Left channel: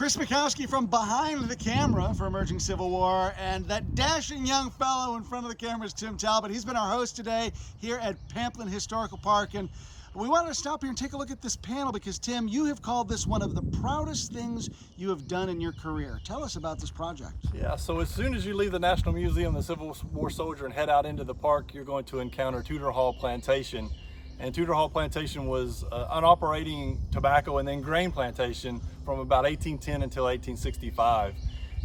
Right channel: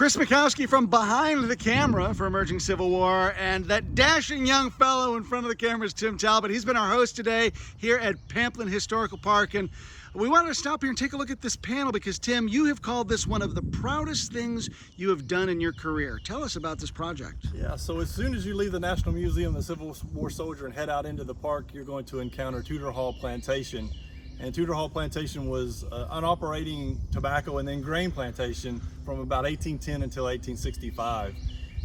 Chris Mikowski from behind the camera for Emerging Civil War, and that dashing young fellow in front of the camera is Tim Talbott. He's been our host today here at Pamplin Historical Park, and we wanted to stop here and take a look at this panel because, Tim, you have called this one of the proudest things you have done in your career. Tell us about this project. Yeah, so as soon as you leave the National Museum, the Civil War soldier, and head out into the park, you're going to encounter Tudor Hall Plantation. And Tudor Hall Plantation was an operating tobacco and then grain plantation from about 1810 until 1865.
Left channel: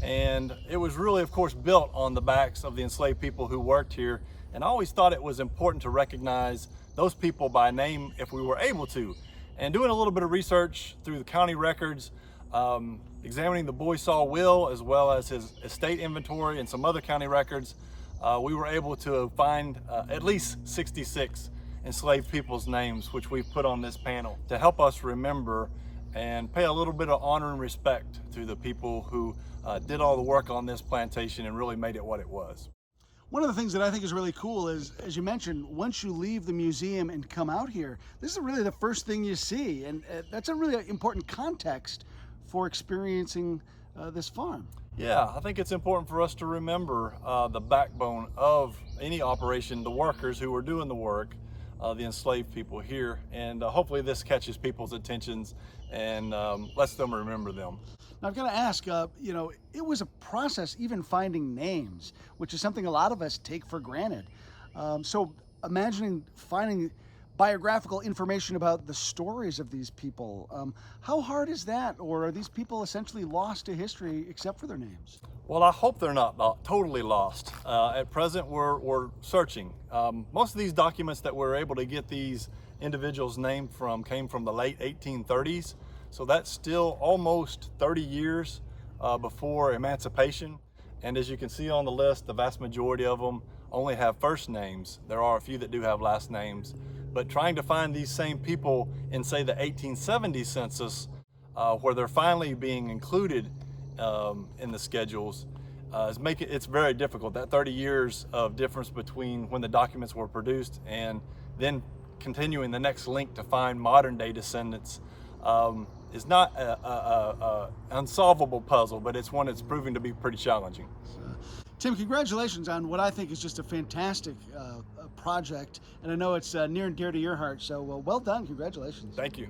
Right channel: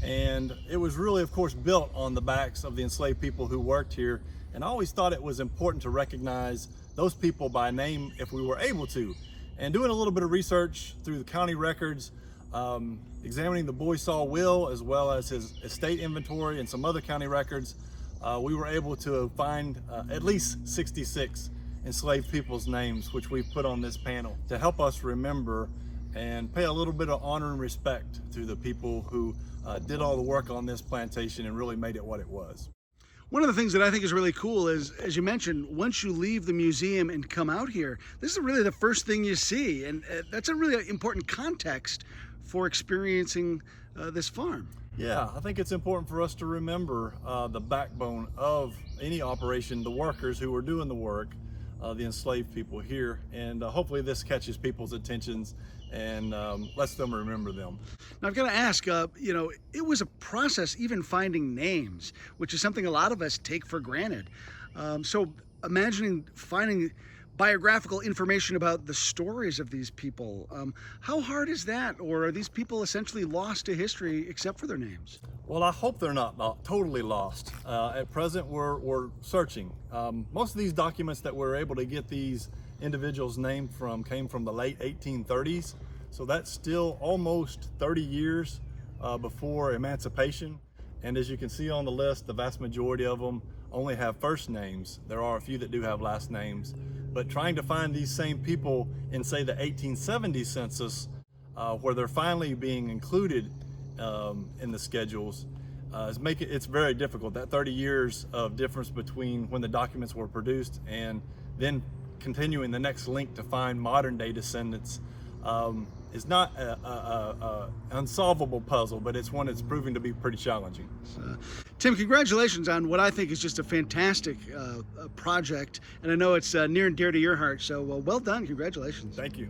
And it was really, of course, built on the backs of the enslaved people who worked here. And I always thought it was important to recognize those people by name if we were able to. And doing a little bit of research through the county records, examining the Boysaw will as well as his estate inventory and some other county records, we were able to find at least 66 enslaved people's names, which we've put on this panel to help us remember and pay a little bit of honor and respect to the people who did all the work on this plantation and really made it what it was. One of the things that I think is really cool is, as you mentioned, once you leave the museum and come out here, this is really the first thing you see, and that's a really important context for experiencing this farm. Yeah, I think it's important for us to remember the backbone of any operation, the workers who were doing the work, the enslaved people here, and hopefully this catches people's attentions and lets them remember them. Now I've got to ask, you know, it was a process even finding names, which is something a lot of us take for granted. So imagining finding biographical information about the stories of these people, how hard is that? Or are these people essentially lost to history except for their names? Well, I hope they're not totally lost. At present, we're searching. Most of these documents that we're able to get these individuals' names from came from the late 1830s. So that's still almost 30 years before emancipation. And as you can see on the list, the vast majority of them only have first names. There are a few that do have last names. But trying to find these same people in, say, the 1870 census, where they're finally being included in the schedules, it's very difficult. That 30 years of difference between when the documents were produced and then continuing the next link to find modern day descendants is not an unsolvable puzzle, but it's one that's proving to be pretty challenging. Tim, congratulations on what I think is just a fantastic project, and I know it's near and dear to your heart, so well done, congratulations. Thank you.